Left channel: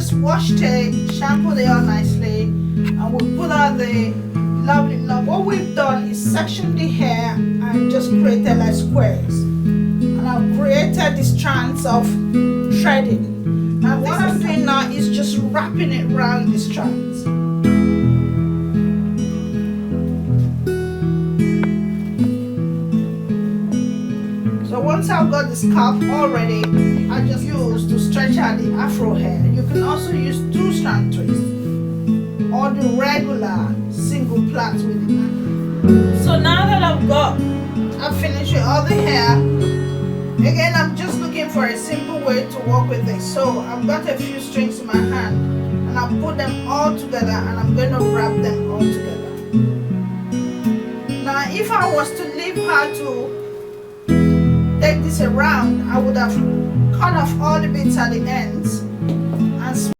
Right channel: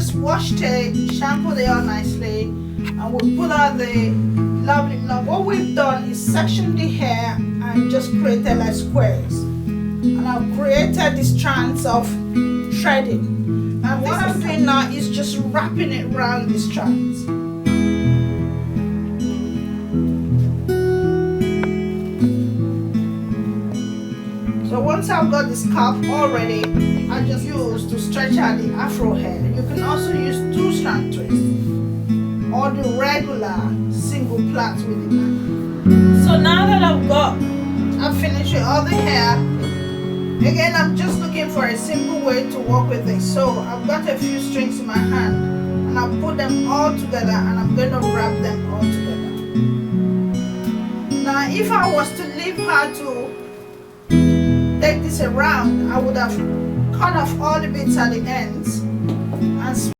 just washed it, shampooed it all nicely, and we put out the lovely knot. What we've done is sectioned the hair and just created like squares. And I've created the strands of threading. And what I'm doing now is just wrapping it around the strands. So once I've got the scalp all ready, I just use to stretch out the afro hair. You can also use 2-strand twists or the regular single plaits with it. So now that I've finished with all the hair, again I'm just looking for a simple way to work with this. So I've got a few strings in my hand and I'll put them all together and I'm going to wrap them all together. Now if I was to leave her to take this around, I would have cut off all the bits at the ends